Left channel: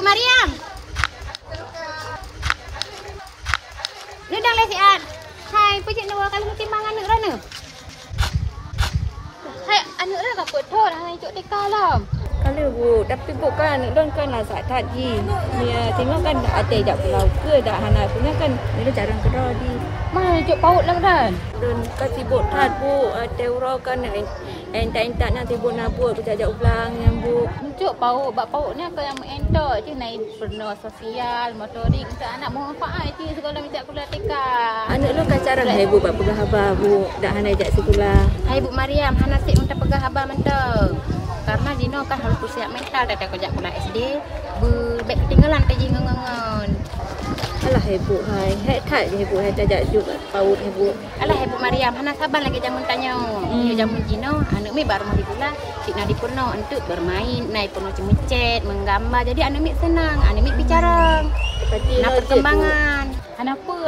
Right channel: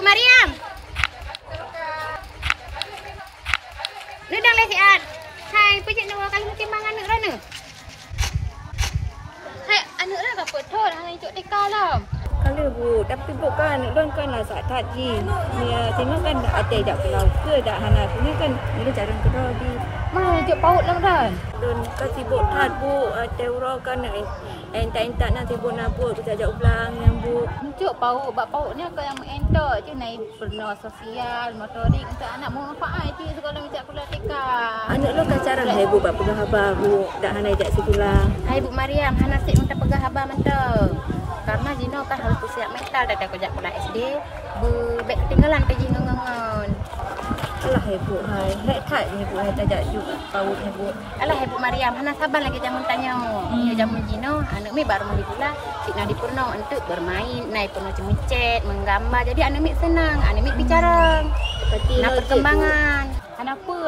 Ibu Mariam. Redang lesian. Hai, pejak nawa kali timbangan anak rana. Hai, anak rana betul hai cuk dekalam. Kalau bu, tapi bukan don kan lah saat tadi. Dia tengok kan ada jak pulau ke dak hana punya kan dia cari kedai di. Mai cuk paut lang dan. Don kasi bot tat bu, teuro kan entak-entak nanti bu nak buat kita jak ulang yang bu. Cuk paut, bak pautnya ke yang entok je naik pernah sosial, motorik untuk anak mau manfaat je sekolah minta kuliah TK. Anak lu kan cara hai bu bak pegang haba bu, dak hana jak sekolah. Hai Bu Mariam, hana sik untuk pegang haba mentang. Karena Jino kan harus siap mental dah kerja kuliah SD, berbek ketinggalan kerja ngengen. Alah hai bu, hai tak hai bu, hai tak jak juga paut hai bu. Alah hai Bu Mariam, hana sabar lagi jamun tanya. Ya jamun Jino, anak mi baru mau dikulah, cik nak dipurno untuk bermain, naik purno cemicet, menggambar. Jadi anak mi senang, anak mi bicara. Nak perkembangan. Kenapa?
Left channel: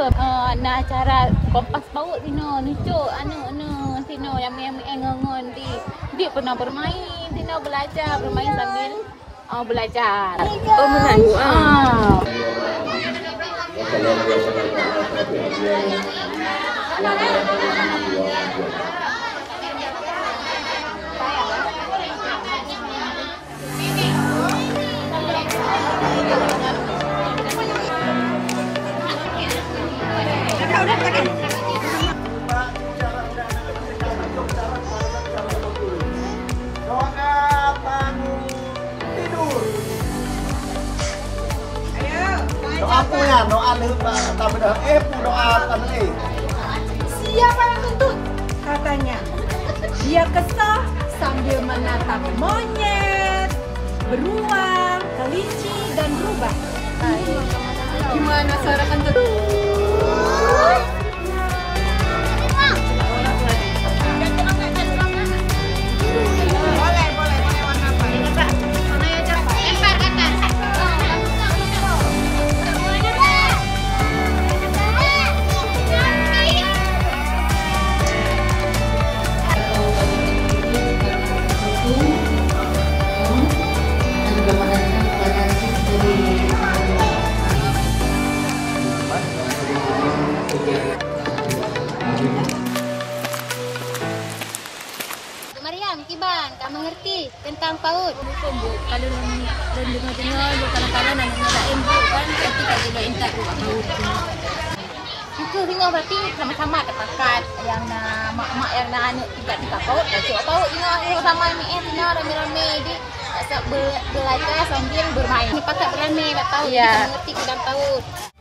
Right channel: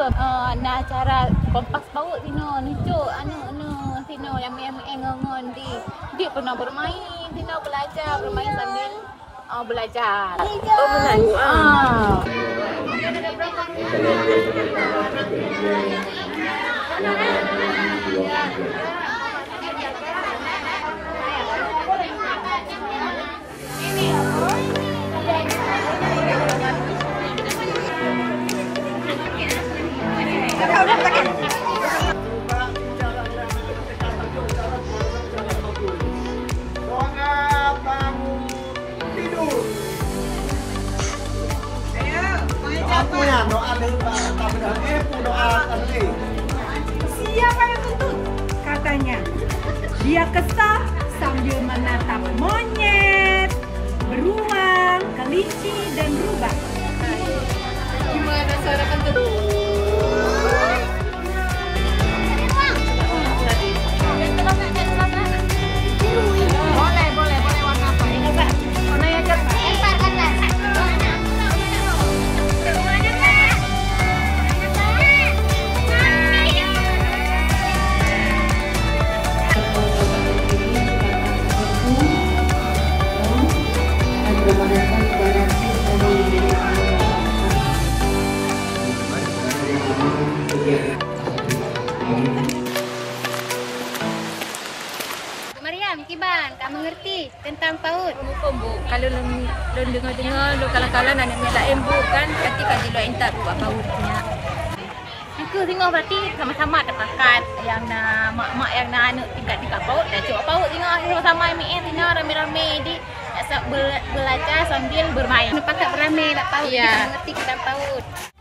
Nak cara kompas paut Jino, nucuk anak Tino yang ngongon di. Dia pernah bermain, Tino belajar bermain sambil belajar. Oh menang bu Siapa yang kentut? Katanya dia kesal sambil menatap monyet, beruang, kelinci, dan rubah. Gimana cara kentut? Mariam, Kiban, kamu mengerti tentang PAUD? Bu, kalau dengar-dengar lu kalah-kalah anaknya tak embuk kan, nanti kalau lu entak buat PAUD punya. Aku tengok berarti sama-sama terpakat yang nak mak-mak yang nak anak tingkat-tingkat PAUD dah cuba PAUD tengok sama-sama tengok rame-rame di belajar sambil bermain. Terpakat beramai nak PAUD, kita mengerti tentang PAUD.